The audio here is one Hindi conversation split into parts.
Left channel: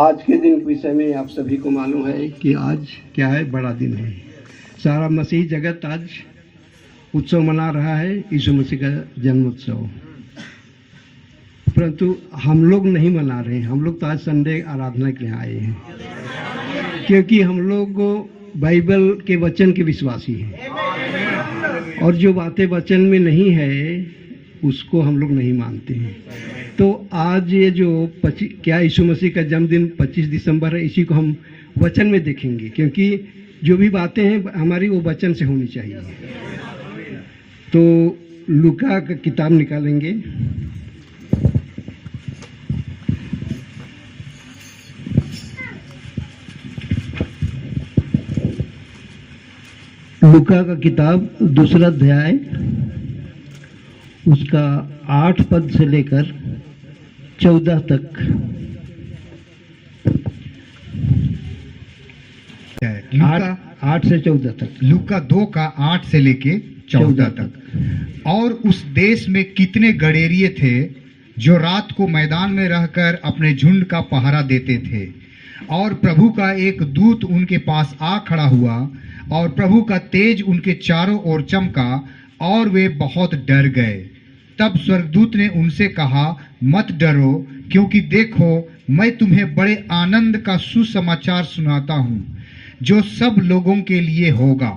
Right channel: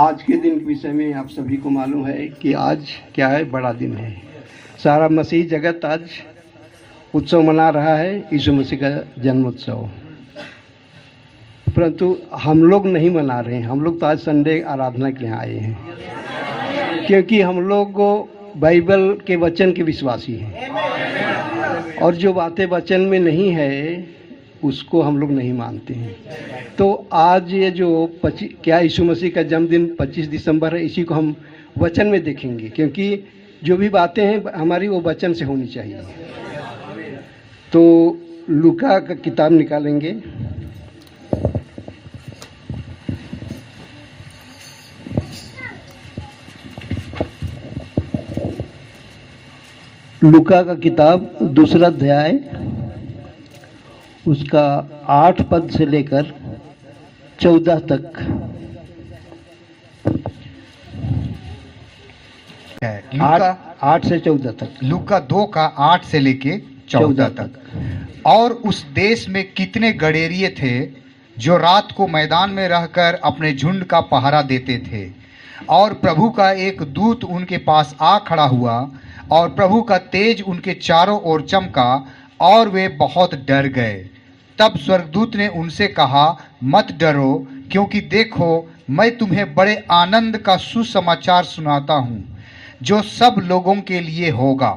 आज के दिन के विषय में आप सभी को मालूम है कि आज क्या है, बड़ा दिन है। सारा मसीह जगत आज उत्सव मना रहा है, यीशु मसीह का जन्मोत्सव। परंतु हम लोग नहीं मना रहे हैं। हम लोग तो आज संडे आराधना के यहाँ आए हैं, क्योंकि हम लोग बाइबल के वचन के विश्वासी हैं, और जो बातें वचन में नहीं है उसको हम लोग नहीं मानते हैं। तो आज ये जो क्या यीशु मसीह का जन्मदिन 25 दिसंबर है, इसी को हम वचन में देखेंगे, क्योंकि जो भी बातें हैं हमारी वो वचन से होनी चाहिए। तो लूका का किताब निकालेंगे। लूका का किताब 2 अध्याय, उसका 8 पद से लेकर 14 तक। लूका 8 से 14 तक। लूका 2 का 8 से लेके 14 तक। और उस देश में कितने गडेरिये थे जो रात को मैदान में रहकर अपने झुंड का पहरा देते थे। और प्रभु का एक दूत उनके पास आ खड़ा हुआ, और प्रभु का तेज उनके चारों ओर चमका, और वे बहुत डर गए। तब स्वर्गदूत ने उनसे कहा, मत डरो, क्योंकि देखो मैं तुम्हें बड़े आनंद का सुसमाचार सुनाता हूँ, जो सब लोगों के लिए होगा,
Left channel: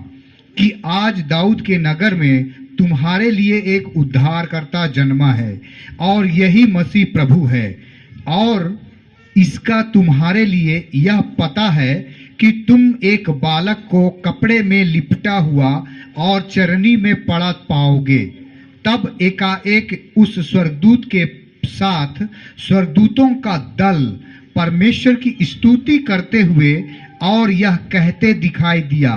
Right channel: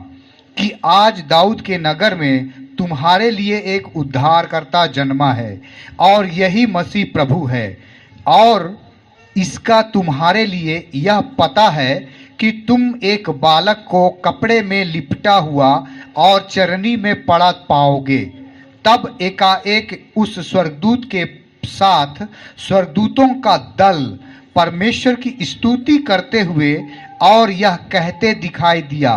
कि आज दाऊद के नगर में तुम्हारे लिए एक उद्धारकर्ता जन्मा है, और यही मसीह प्रभु है। और इसका तुम्हारे लिए यह पता है कि तुम एक बालक को कपड़े में लिपटा हुआ और चरनी में पड़ा पाओगे। तब एकाएक उस स्वर्गदूत के साथ स्वर्गदूतों का दल परमेश्वर की स्तुति करते हुए और यह कहते दिखाई दिया,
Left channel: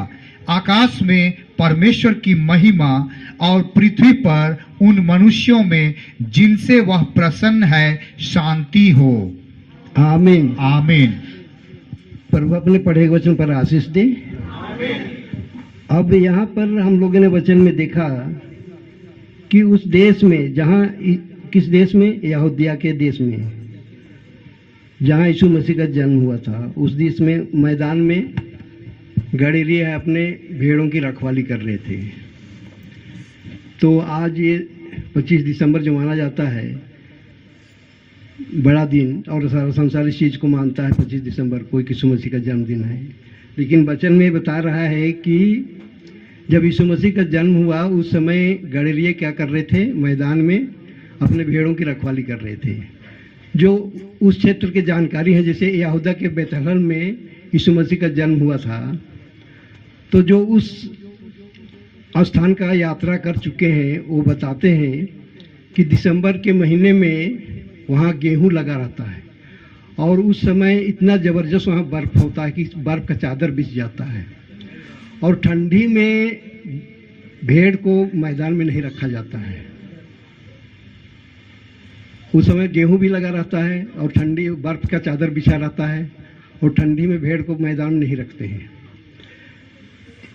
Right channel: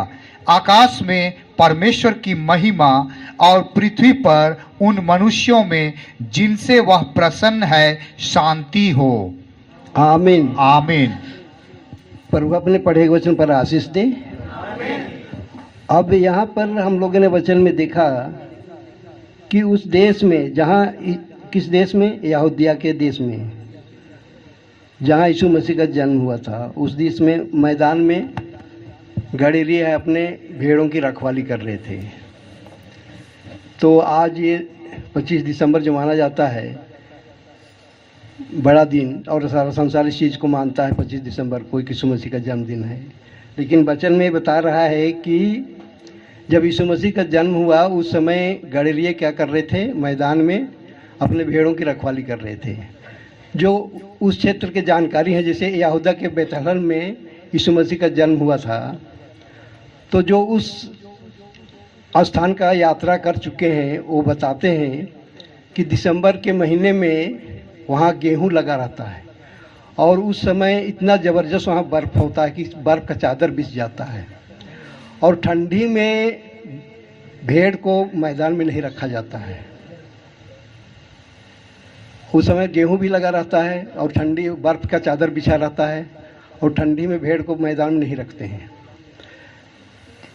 आकाश में परमेश्वर की महिमा, और पृथ्वी पर उन मनुष्यों में जिनसे वह प्रसन्न है शांति हो। आमीन। आमीन। प्रभु अपने पढ़े वचन पर आशीष दे। अब यहाँ पर हम लोगों ने वचन में देखा कि उस देश में, जहाँ, किस देश में, यहूदिया के देश में, जहाँ यीशु मसीह का जन्म हुआ था, उस देश में मैदान में गडेरिये अपने भेड़ों की रखवाली कर रहे थे। तो आज ये 25 दिसंबर जो माना जाता है, बड़ा दिन, और सारा संसार इस चीज़ को मानता है 25 दिसंबर को यीशु मसीह का जन्मदिन है। लेकिन वचन में बता रहा है कि जब यीशु मसीह का जन्म हुआ उस समय गडेरिये क्या कर रहे थे, मैदान में अपने भेड़ों की रखवाली कर रहे थे। जो उस क्षेत्र की जानकारी है, जैसे यहूदा के बेथलहम में यीशु मसीह का जन्म हुआ था, तो जो उस स्थान का यात्रा कर चुके हैं वो बताते हैं कि दिसंबर के महीने में वहाँ गेहूं लगा रहता है, और उस समय इतना ज़बरदस्त वहाँ बर्फ़ होता है कि बर्फ़ का चादर बिछ जाता है। और ठंडी में भेड़ को मैदान में नहीं रखा जाता है। उस समय गेहूं भी लगा रहता है और ठंडी बर्फ़ का चादर बिछा रहता है, और ठंडी में भेड़ को मैदान में नहीं रखते हैं।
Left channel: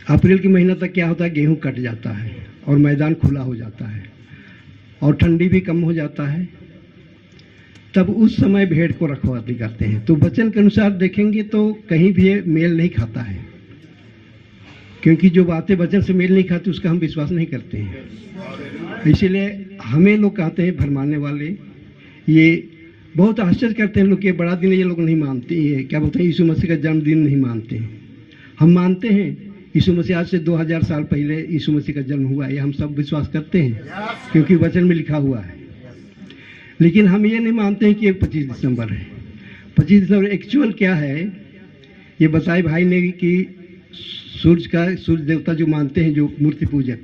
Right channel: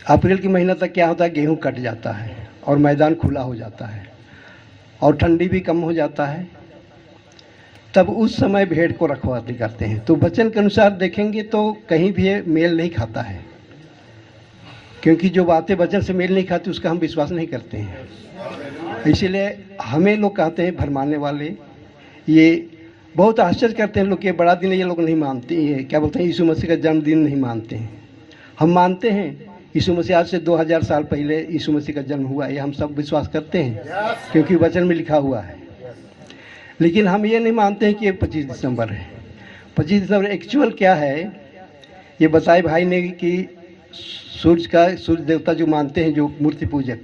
अप्रैल के महीना तक क्या होता है, गेहूं कट जाता है और मैदान खुला हो जाता है, और ठंडी भी कम हो जाता है। तब उस समय भेड़ को रखवाली करते हैं। तो वचन के अनुसार देखेंगे तो कहीं भी ये मेल नहीं खाता है, क्योंकि जो बातें वचन से मेल नहीं खाती उसका हम विश्वास नहीं करते हैं। इसीलिए हमें लोग कहते हैं भरमाने वाले, ये बहुत आश्चर्य करते हैं लोग, ये बड़ा दिन है, ये लोग नहीं मानते। ये क्या बोलते हैं, यीशु मसीह का जन्मदिन नहीं मानते हैं। हम मानते हैं यीशु मसीह आज से 2000 साल पहले यीशु मसीह का जन्म हुआ है, ये हम सब विश्वास करते हैं, क्योंकि वचन में लिखा हुआ है। लेकिन हम ये नहीं मानते हैं कि ये 25 दिसंबर है। 25 दिसंबर एक्चुअल क्या है, ये बताए भाई ने कि सूर्य देवता जो मानते हैं, जो मूर्ति पूजक,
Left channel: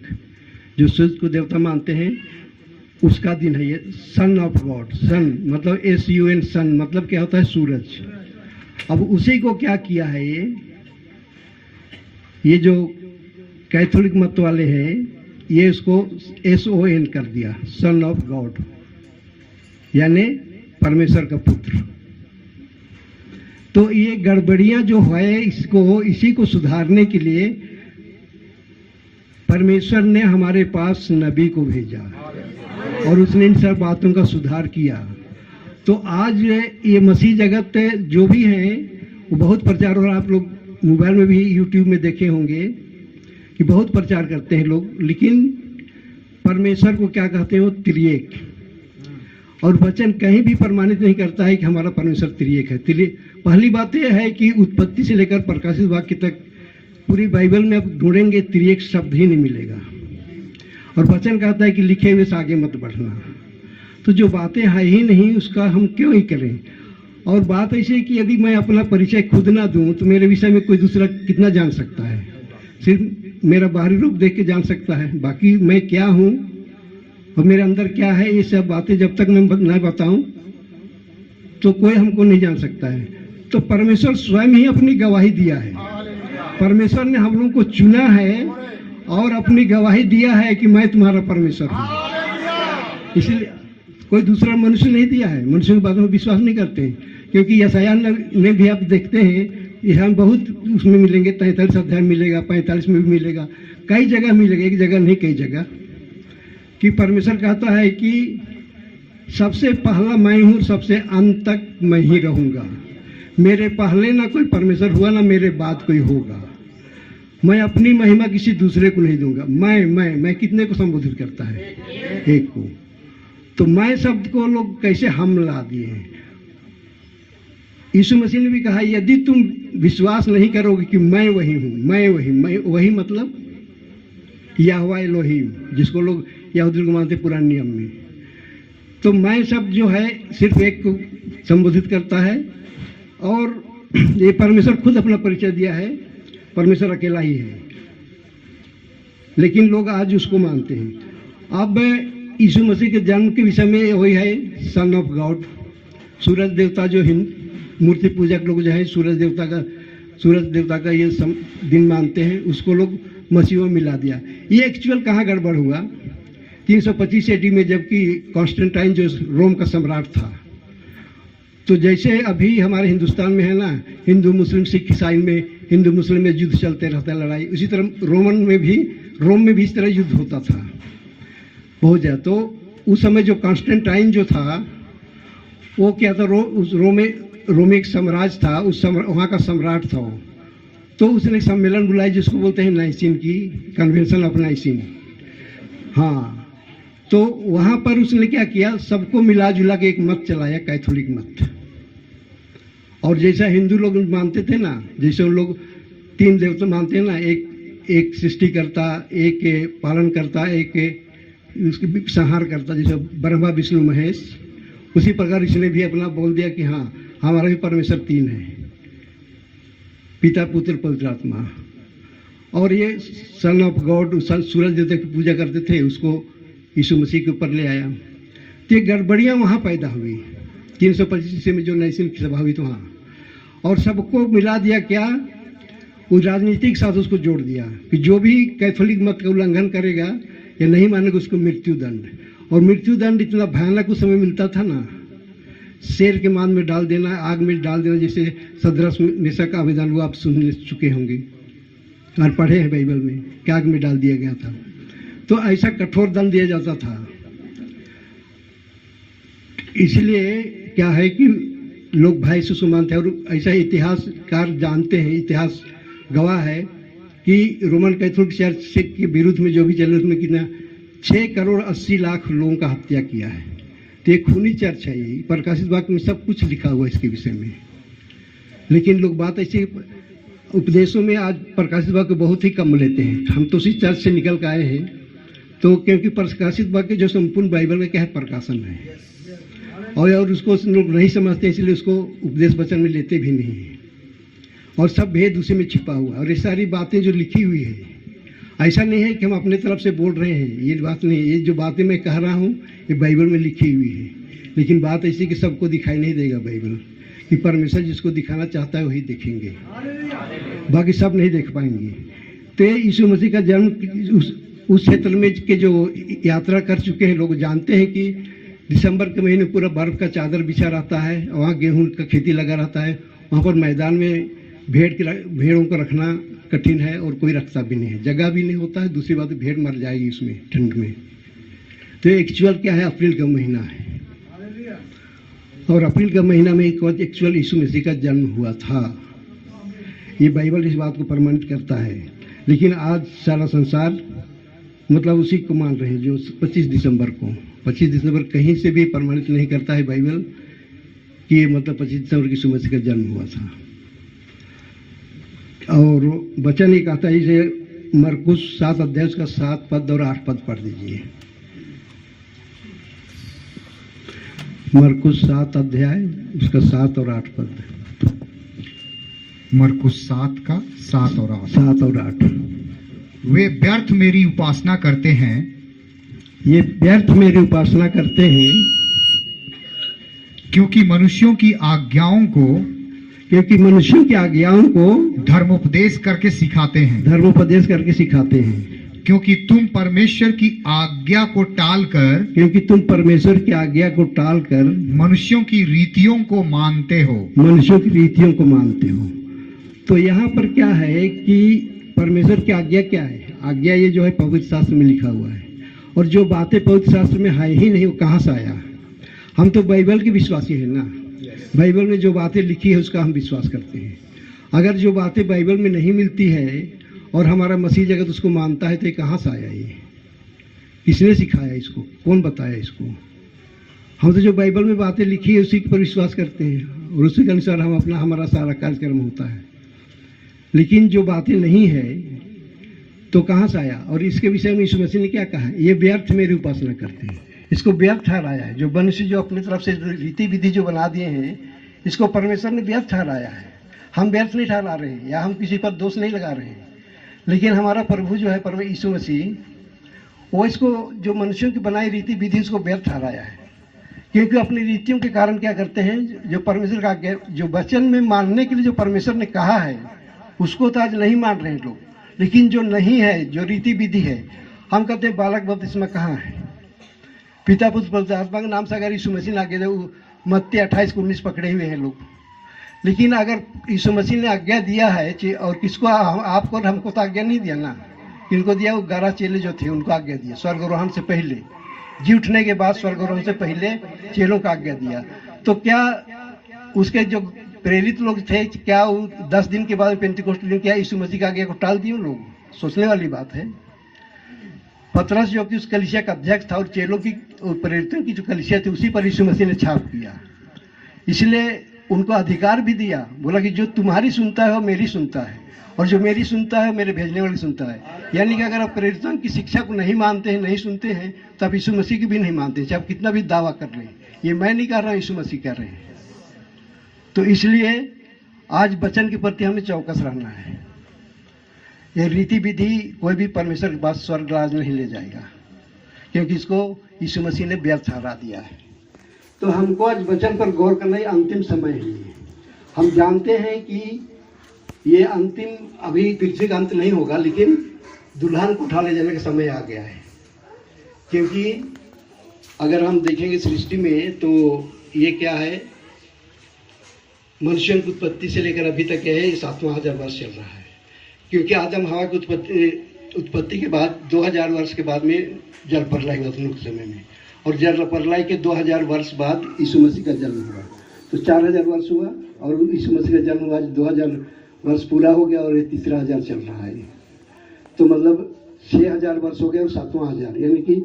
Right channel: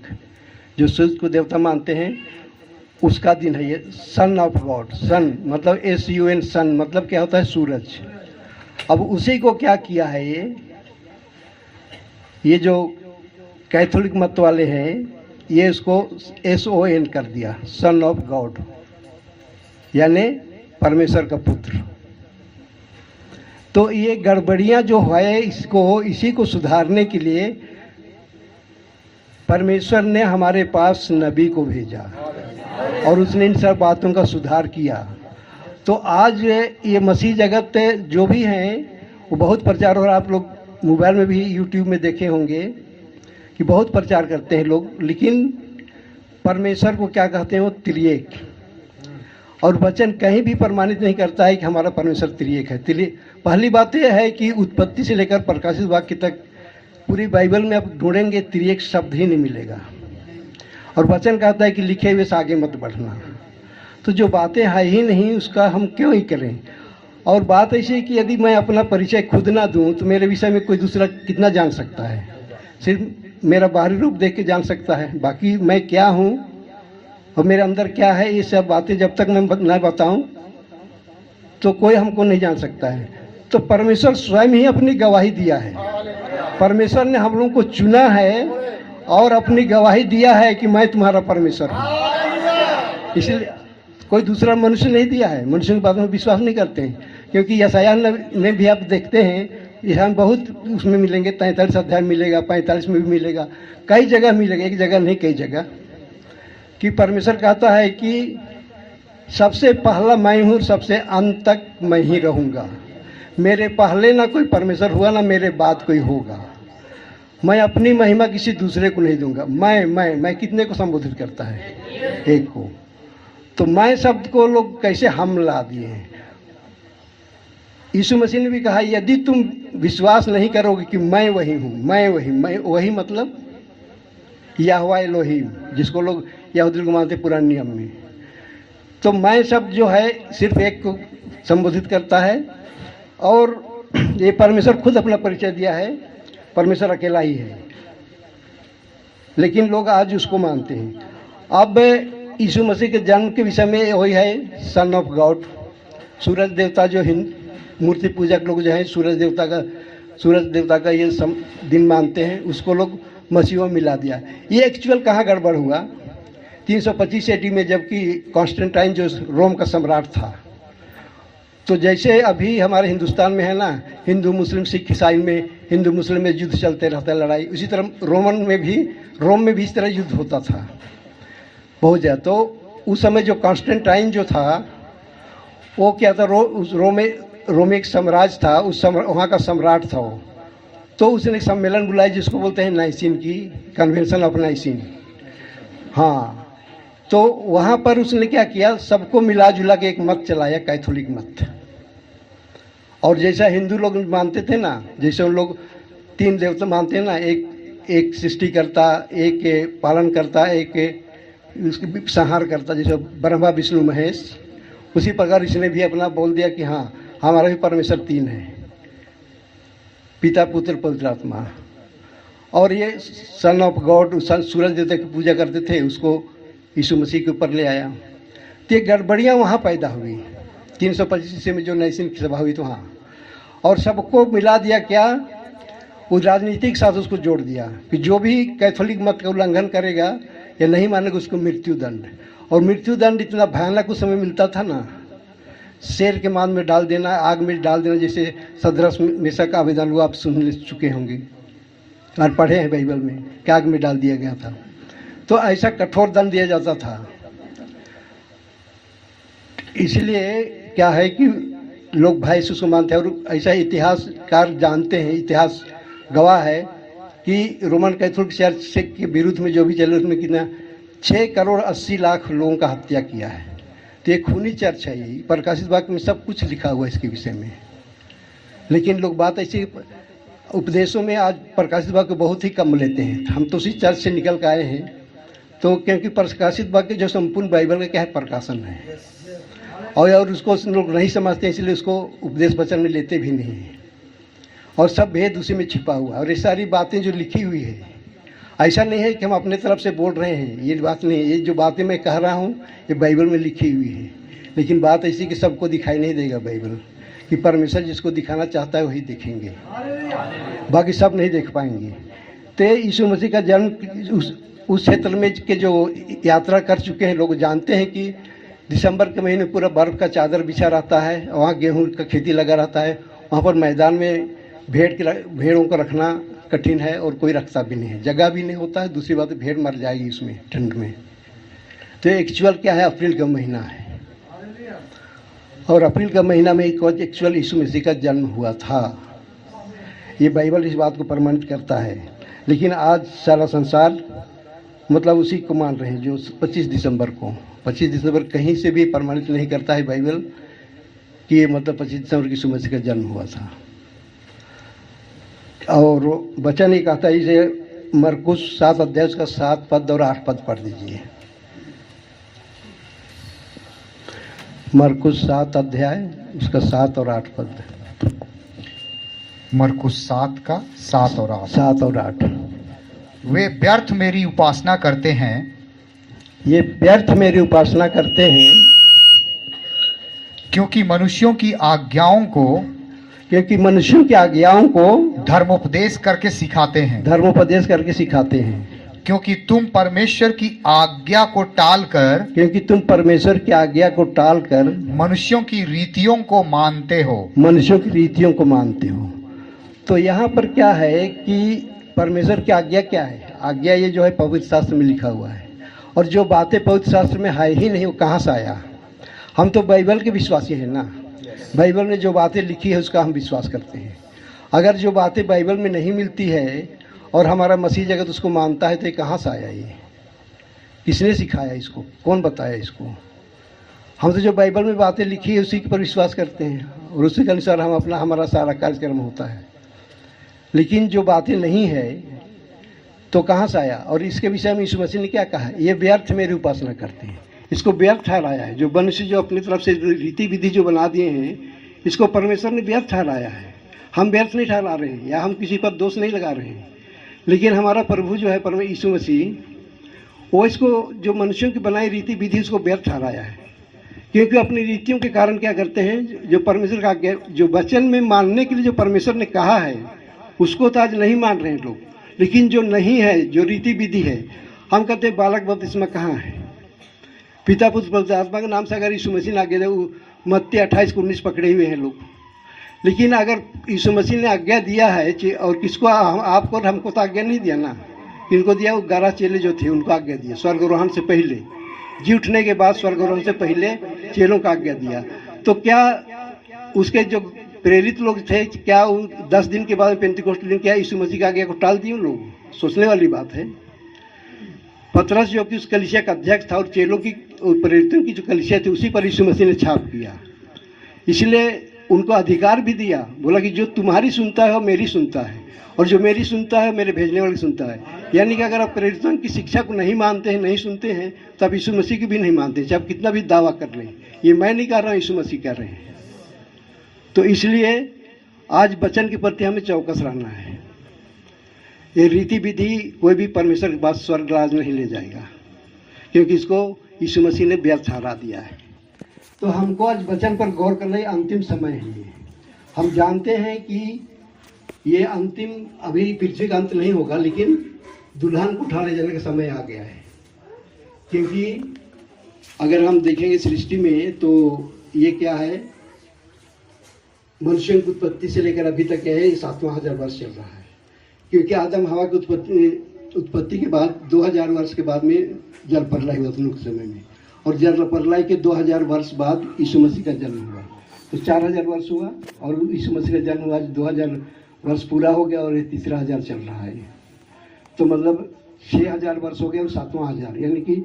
जो सूर्य को देवता मानते हैं, उसका दिन है ये। सन ऑफ गॉड, सन मतलब SUN, सन मतलब क्या होता है, सूरज। अब उसी को क्या किया है, ये जो कैथोलिक मत वाले हैं, ये उसको SON कर दिया, सन ऑफ गॉड, यानी परमेश्वर का पुत्र। तो ये गड़बड़ियां जो है, इसी को सुधारने के लिए परमेश्वर ने हमारे पास नबी को भेजा, और उसने इन सब बातों का सुधार किया। तो आज ये मसीह जगत जो भी हैं वो बहुत प्रचार हो रहा है। आप लोग मोबाइल में भी यूट्यूब में देखे होंगे कि बहुत प्रचार करते हैं लोग, लेकिन परमेश्वर को क्या कहते हैं, वो त्रिएक। और वचन कहीं भी प्रमाणित नहीं करता है कि हमारा परमेश्वर त्रिएक है। पहली बात यह है कि उत्पत्ति से लेकर प्रकाशित वाक्य तक पूरी बाइबल में आप ढूंढेंगे त्रिएक शब्द ही नहीं मिलेगा। और वचन कहता है कि लिखे हुए से आगे मत बढ़ना। तो जो बातें है ही नहीं उसका हम क्यों ही करें। और बात ऐसी है कि यदि मैं अपना परिचय खुद ना दूं तो मेरे विषय में कोई दूसरा कितना जान सकता है। सिर्फ मेरा बाहरी रूप देख के जान सकता है, बाकी मैं क्या हूं और मेरे अंदर क्या है, ये सब बातें जब तक मैं ना बताऊं तो कोई हमको नहीं जान सकता है। तो परमेश्वर स्वयं ही अपनी गवाही दिया है। परमेश्वर ने हम लोगों को चुना है और अपनी गवाही दिया है कि मैं तुम्हारा परमेश्वर हूँ। इसलिए कोई दूसरा मनुष्य नहीं दिया है। मनुष्य की बातों में विश्वास नहीं करते हैं, क्योंकि यशायाह में भी आप देखते हैं, हम बहुत उसमें मिलेंगे, 43 अध्याय मिलेगा, 45 में भी मिलेगा, कई जगह मिलेगा, एक जगह नहीं कई जगह, कि परमेश्वर कहता है कि सबसे पहला मैं हूँ, सबसे अंत तक मैं ही रहूँगा। मेरे पहले ना कोई परमेश्वर हुआ, ना मेरे बाद कोई होगा। मैं अपनी महिमा किसी दूसरे को नहीं दूंगा। मैं कितने को संबोधित करता है? एक को। तो मैं शब्द को लोग कैसे हम ला दिए हैं। यीशु मसीह ने भी कहा यदि तुम विश्वास नहीं करोगे कि मैं वही हूँ, मैं वही मतलब यहोवा एलोहीम, जिसको लोग यहूदी को मानते पुराने नियम में। तो मैं शब्द जो है सिर्फ एक को संबोधित करता है। और ये परमेश्वर खुद अपना परिचय दिया है, परमेश्वर अकेला ही है, लेकिन लोग आज उसको मानते हैं। अब यीशु मसीह के जन्म के विषय में वही है सन ऑफ गॉड। सूरज देवता जो मूर्ति पूजक लोग जो है सूरज देवता का ये दिन मानते हैं, उसको लोग मसीह में मिला दिया। ये एक्चुअल कहाँ गड़बड़ हुआ? 325 AD में, जबकि कॉन्स्टेंटाइन जो रोम का सम्राट था। तो जैसे अभी हमारे हिंदुस्तान में है ना, हिंदू मुस्लिम सिख ईसाई में, हिंदू मुस्लिम में युद्ध चलते रहता है, लड़ाई, उसी तरह रोम में भी इस तरह युद्ध होता था बहुत ज़्यादा। तो उस समय जो कॉन्स्टेंटाइन जो था वो क्या था, रोम एक साम्राज्य था, वहाँ का सम्राट था वो। तो उसने सम्मेलन बुलाया जिसको बोलते हैं नाइसिन की कन्वेंशन ऑफ नाइसिन। हाँ, तो वहाँ पर उसने क्या किया, सबको मिला जुला के एक मत चलाया, कैथोलिक मत। और जैसा हिंदू लोग मानते थे ना, जैसे उन लोग 3 देवता मानते हैं ना, एक सृष्टिकर्ता, एक पालन करता, एक उसकी संहार करता, जैसे ब्रह्मा विष्णु महेश, उसी प्रकार इसने भी अपना बोल दिया कि हाँ हमारा भी परमेश्वर 3 है, पिता पुत्र पवित्र आत्मा। और ये सन ऑफ गॉड, सूरज देवता की पूजा करते थे, उसको यीशु मसीह के ऊपर ले आया। तो ये गड़बड़ियाँ वहाँ पैदा हुई 325 में जो नाइसिन की सभा हुई तो वहाँ, और सबको मिला दिया क्या, उस राजनीति के साथ उसको जोड़ दिया कि जो भी कैथोलिक मत का उल्लंघन करेगा या नहीं मानेगा उसको मृत्यु दंड। और मृत्यु दंड इतना भयानक उस समय मिलता था ना, शेर के मान में डाल देना, आग में डाल देना, जैसे सदरस मेसा का आवेदन हुआ, आप सुन चुके होंगे और पढ़े हैं बाइबल में कि आग में डाल दिया गया था। तो ऐसा कठोर दंड दिया जाता था। इसलिए क्या है कि लोग भाई से उसको मानते हैं। और ऐसा इतिहासकार जानते हैं, इतिहास गवाह है कि रोमन कैथोलिक चर्च के विरुद्ध में जो भी चले उसमें कितना 6 करोड़ 80 लाख लोगों का हत्या किया है। तो एक खूनी चर्च है ये। प्रकाशित वाक्य में सब कुछ लिखा हुआ है इसके विषय में। लेकिन लोग बात ऐसी उपदेशों में आज प्रकाशित वाक्य बहुत ही कम लेते हैं। हम तो उसी चर्च से निकल कर आए हैं, तो क्योंकि प्रकाशित वाक्य जो संपूर्ण बाइबल का क्या है, प्रकाशन है, और उसको लोग नहीं समझते, इसलिए उसको उपदेश वचन में लेते भी नहीं हैं। और सब भेद उसी में छिपा हुआ। और ये सारी बातें जो लिखी हुई है, ऐसा नहीं है कि हम अपने तरफ से बोल रहे हैं, ये बात नहीं है। ये जो बातें मैं कह रहा हूँ ये बाइबल में लिखी हुई है। लेकिन बात ऐसी कि सबको दिखाई नहीं देगा बाइबल, कि परमेश्वर जिसको दिखाना चाहता है वही देखेंगे, बाकी सब नहीं देख पाएंगे। तो यीशु मसीह का जन्म उस क्षेत्र में के जो यात्रा कर चुके हैं लोग जानते हैं कि दिसंबर के महीने पूरा बर्फ़ का चादर बिछा रहता है, वहाँ गेहूं का खेती लगा रहता है। वहाँ पर मैदान में भेड़ों को रखना कठिन है और कोई रखता भी नहीं है, जगह भी नहीं होता है। दूसरी बात भेड़ मर जाएगी इसमें ठंड में। तो एक्चुअल क्या है, अप्रैल का महीना है। और अप्रैल का महीना में एक्चुअल यीशु मसीह का जन्म हुआ था। ये बाइबल इस बात को प्रमाणित करता है। लेकिन आज सारा संसार मतलब उसी को मान रहे हैं जो 25 दिसंबर को। 25 दिसंबर कहीं से भी प्रमाणित नहीं करता है बाइबल कि ये मतलब 25 दिसंबर यीशु मसीह का जन्म हुआ था। और वचन ये कहता है, इसे मरकुस 7 अध्याय का 7 पद और 8 पद पढ़ दीजिए। मरकुस 7 अध्याय उसका 7 और 8 पद। मरकुस 7 का 7 और 8। 7 और 8। वे व्यर्थ मेरी उपासना करते हैं, ये व्यर्थ मेरी उपासना करते हैं क्योंकि मनुष्यों की आज्ञाओं को धर्मोपदेश करके सिखाते हैं। धर्मोपदेश करके सिखाते हैं। क्योंकि तुम परमेश्वर की आज्ञा को टालकर मनुष्यों की रीतियों को मानते हो। तो यहाँ पर क्या है कि परमेश्वर की आज्ञा क्या है? आज्ञा ये जो है पवित्र शास्त्र में लिखा हुआ है, और जो बातें पवित्र शास्त्र में है ही नहीं वो कहाँ से आया? हम तो बाइबल के विश्वासी हैं ना। बाइबल में जो बातें लिखी है उसका हम विश्वास करते हैं। अगर जो बातें बाइबल में नहीं मिलती है और हमारा मसीह जगत उसको मानता है तो ये कहाँ से आया? ये किसने सिखाया इसको? कौन बताया इसको? हम तो जो बाइबल में बातें लिखी है उसी पर विश्वास करते हैं और उसी के अनुसार हमारा सारा कार्यक्रम होता है। लेकिन जो बातें नहीं है तो कहाँ से आया? और इसके विषय में यीशु मसीह ने क्या कहा? ये व्यर्थ मेरी उपासना करते हैं। इसको व्यर्थ ठहराया है। जो मनुष्य जो अपनी तरफ से रीति विधि जो बना दिए हैं, इसको परमेश्वर ने व्यर्थ ठहराया है। हम व्यर्थ नहीं ठहरा रहे हैं या हम किसी पर दोष नहीं लगा रहे हैं, लेकिन हमारा प्रभु जो है परमेश्वर यीशु मसीह, वो इसको जो मनुष्यों की बनाई रीति विधि उसको व्यर्थ ठहराया है। क्योंकि अपनी रीतियों के कारण क्या करते हैं, जो परमेश्वर का जो वचन में मानने के लिए जो परमेश्वर ने कहा है उसको तो आज नहीं मान रहे हैं लोग। लेकिन जो नहीं है, जो रीति विधि है, हम कहते हैं बालक बपतिस्मा कहाँ है? पिता पुत्र पवित्र आत्मा के नाम से अगर यीशु मसीह ने आज्ञा दिया, मत्ती 28-19 पकड़े हुए हैं लोग। लेकिन अगर यीशु मसीह ने आज्ञा दिया है और किसको? आपको और हमको तो आज्ञा नहीं दिया ना। किनको दिया? वो 11 चेले जो थे उनको आज्ञा दिया। स्वर्गारोहण से पहले, जी उठने के बाद स्वर्गारोहण से पहले चेलों को आज्ञा दिया। तो क्या उसके जो प्रेरित लोग थे, क्या 10 दिन के बाद पेंतीकोस्त दिन क्या यीशु मसीह का आज्ञा को टाल दिए लोग? सोचने वाली बात है। पतरस जो कि उस कलीसिया का अध्यक्ष था और चेलों की प्रेरितों की जो कलीसिया थी उसी पर यीशु मसीह ने छाप किया। इसलिए उनको अधिकार भी दिया, बोला कि जो तुम्हारी सुनता है वो मेरी सुनता है, और जो मेरी सुनता है मेरे भेजने वाले सुनता है। यानी कि अगर आप प्रेरितों की शिक्षा को नहीं मानते हैं, नहीं सुनते हैं, तो आप यीशु मसीह की भी नहीं मानते, चाहे आप कितना भी दावा कर लें। ये मैं नहीं कह रहा हूँ, यीशु मसीह कह रहे हैं। तो इसलिए आज वचन के प्रति हमें चौकस रहना है। ये रीति विधि कोई भी परमेश्वर के पास स्वर्ग राज नहीं ले जाएगा, क्योंकि इसको यीशु मसीह ने व्यर्थ ठहरा दिया है। तो हमको आज वचन पर गौर करना, अंतिम समय है ये। हम जानते हैं कि ये अंतिम, अभी पृथ्वी का अंत नहीं होगा, लेकिन दुल्हन को उठा ले जाने का समय आ गया है। क्योंकि अगर हम देखेंगे सृष्टि में तो ये क्या है, मनुष्यों की उत्पत्ति से लेकर अभी तक क्या है, 7,000 वर्ष चल रहा है। क्योंकि आदम हवा की उत्पत्ति के बाद 2000 वर्ष के बाद में जल प्रलय हुआ उस समय में, और जल प्रलय के 2000 वर्ष बाद यीशु मसीह का जन्म हुआ। तो 4000 वर्ष हुआ और यीशु मसीह का जन्म हुआ। 2000 वर्ष पूरा हो गया और ये 3रा चल रहा है। तो मतलब 6000 वर्ष हो गए और 7वां हजार, यानी कि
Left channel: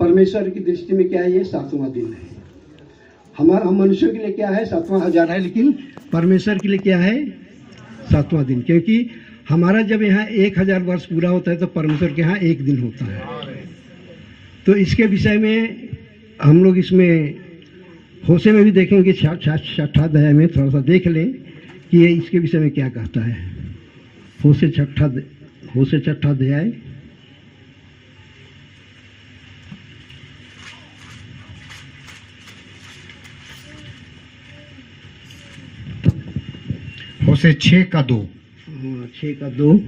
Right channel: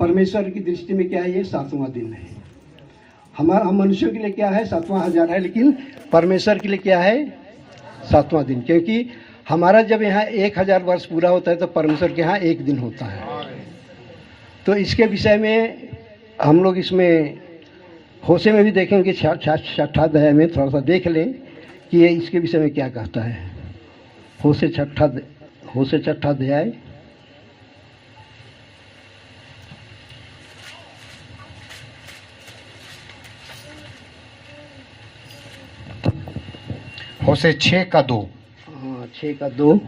परमेश्वर की दृष्टि में क्या है, ये 7वां दिन है। हम मनुष्यों के लिए क्या है, 7वां हजार है, लेकिन परमेश्वर के लिए क्या है, 7वां दिन। क्योंकि हमारा जब यहाँ 1000 वर्ष पूरा होता है तो परमेश्वर के यहाँ 1 दिन होता है। तो इसके विषय में हम लोग इसमें होशे में भी देखेंगे, 6ठा अध्याय में थोड़ा सा देख लें कि ये इसके विषय में क्या कहता है। होशे 6ठा अध्याय होशे 6 का 2। 6 का 2।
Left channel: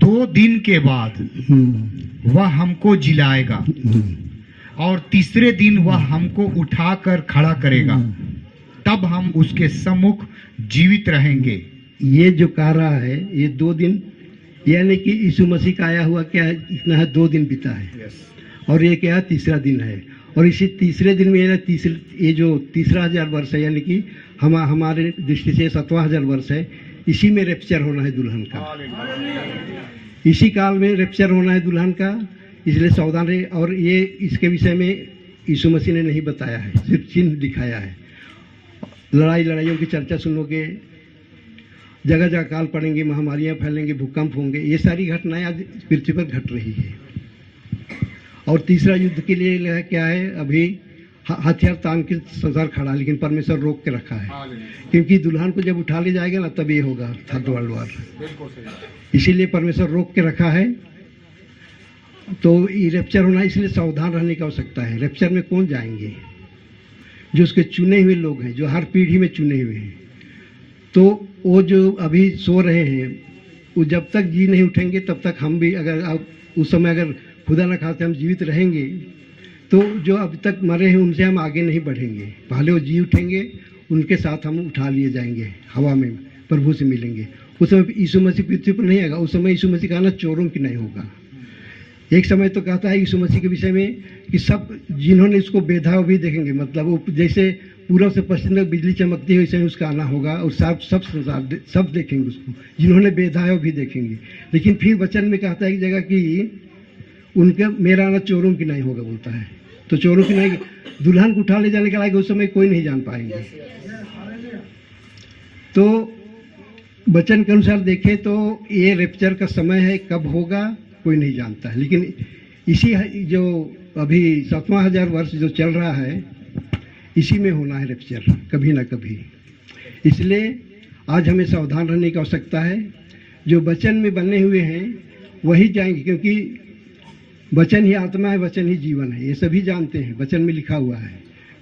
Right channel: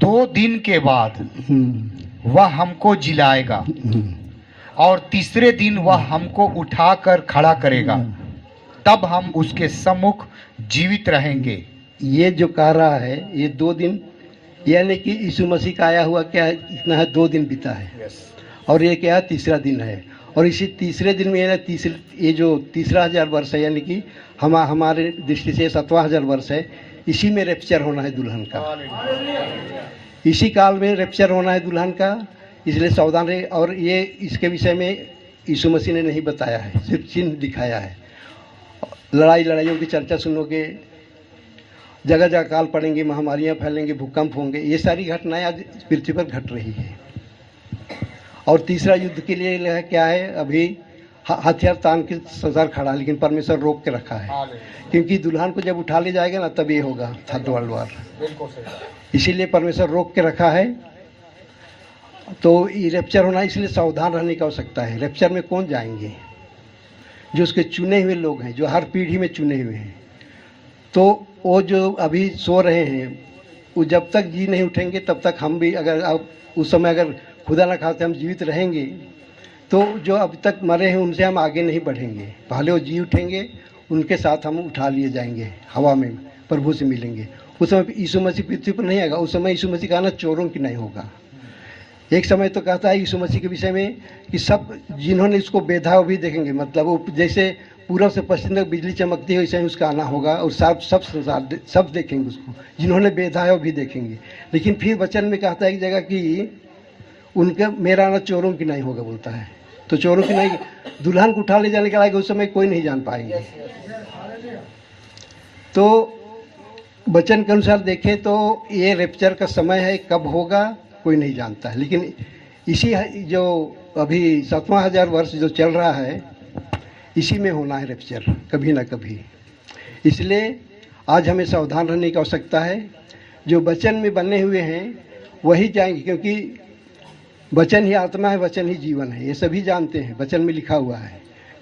2 दिन के बाद वह हमको जिलाएगा और तीसरे दिन वह हमको उठाकर खड़ा करेगा, तब हम उसके सम्मुख जीवित रहेंगे। ये जो कह रहा है ये 2 दिन, यानी कि यीशु मसीह का आया हुआ क्या है, इतना है 2 दिन बीता है। और ये क्या है, 3रा दिन है। और इसी तीसरे दिन में ये जो तीसरा 1000 वर्ष है, यानी कि हमारे दृष्टि से 7वां 1000 वर्ष है, इसी में रैप्चर होना है दुल्हन का। इसी काल में रैप्चर होना है दुल्हन का, इसलिए सावधान रहे। और ये इसके विषय में यीशु मसीह ने नहीं बताया है, सिर्फ चिन्ह दिखाया है। लड़ाइयों की चर्चा सुनोगे, जगह जगह काल पड़ेंगे, महामारियां फैलेंगे, भूकंप होंगे, ये सारी घटनाएं आज पृथ्वी पर घट रही है। और तीसरा युद्ध के लिए क्या है, अभी हथियार तान के संसार खड़ा है, लेकिन परमेश्वर रोक के रखा है, क्योंकि दुल्हन को जब उठा ले जाएगा ना, तब ये होगा थर्ड वर्ल्ड वॉर। इसीलिए परमेश्वर रोक के रखा है। तो ये रैप्चर होना, इसलिए सावधान रहने की आवश्यकता है। रैप्चर में कौन जाएंगे? जो उसके चुने हुए लोग हैं, जो हर पीढ़ी में चुने हुए हैं। तो वो जो अभी सो रहे हैं, वो जब तक जी नहीं उठेंगे तब तक हम भी, अगर उस समय अगर खुदा न खाते हम जीवित रहेंगे, तो जो अब तक मरे हैं उनसे हम आगे नहीं बढ़ेंगे। पहले वो जी उठेंगे, उनके साथ हम उठा लिए जाएंगे, हवा में प्रभु से मिलेंगे। उस समय यीशु मसीह पृथ्वी पर नहीं आएगा। उस समय यीशु मसीह का आना चोरों की नहीं होगा। एक समय तो कहता है यीशु मसीह के विषय में कि सब जिन्होंने इसको बेधा वो भी देखेंगे, मतलब वो जैसे पूरब से पश्चिम तक बिजली चमकती है, वैसे ही उसका आना होगा। और सब देखेंगे उसको, जिन्होंने बेधा है वो भी देखेंगे। लेकिन फिर वचन में कहता है एक जगह कि उनके मेरा आना चोरों की नहीं होगा, बोलता है। तो चोरों की नहीं, दुल्हन को उठा ले जाने के लायक उस समय कोई नहीं जान पाएंगे। तो वचन के अनुसार देखें तो ये रैप्चर का समय है, कब होगा कोई नहीं जानता है। लेकिन इसी जो अभी 7वां 1000 वर्ष जो चल रहा है, इसी में होना है रैप्चर, कभी ना कभी। इसलिए आज हमें सावधान रहने की आवश्यकता है। जो वचन में बने हुए हैं वही जाएंगे, क्योंकि वचन ही आत्मा है, वचन ही जीवन है। ये सभी जानते हैं, वचन में लिखा हुआ है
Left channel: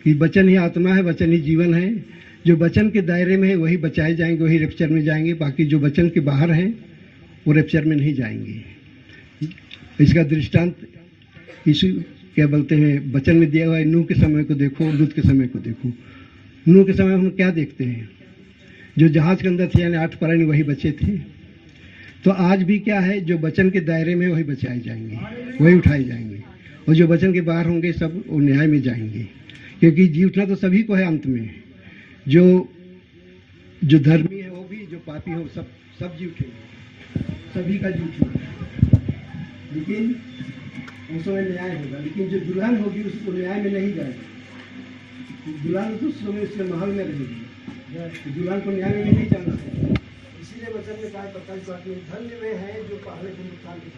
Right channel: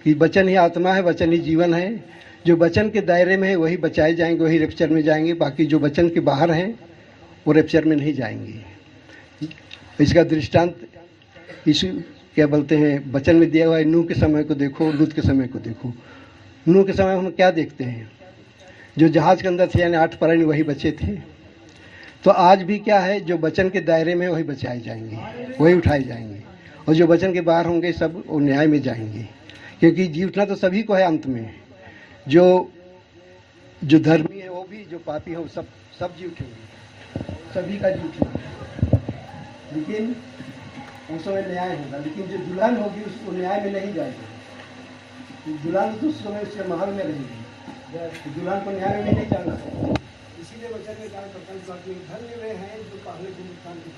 कि वचन ही आत्मा है, वचन ही जीवन है। जो वचन के दायरे में है वही बचाए जाएंगे, वही रैप्चर में जाएंगे। बाकी जो वचन के बाहर हैं वो रैप्चर में नहीं जाएंगे। इसका दृष्टांत यीशु क्या बोलते हैं, वचन में दिया हुआ है। नूह के समय को देखो, लूत के समय को देखो। नूह के समय हम क्या देखते हैं, जो जहाज के अंदर थे यानी 8 प्राणी वही बचे थे। तो आज भी क्या है, जो वचन के दायरे में वही बचाए जाएंगे, वही उठाए जाएंगे। और जो वचन के बाहर होंगे सब वो न्याय में जाएंगे, क्योंकि जी उठना तो सभी को है अंत में। जो धर्मी है वो भी, जो पापी हो सब जी उठेंगे, सभी का जी उठेगा। लेकिन उस समय न्याय होगा। लेकिन जो दुल्हन होगी उसको न्याय में नहीं जाएगी। दुल्हन तो उस समय उसके महल में रहेगी, दुल्हन को न्याय में नहीं जाना है। इसीलिए वचन में कहा, धन्य वे हैं जो पहले दिन उत्थान की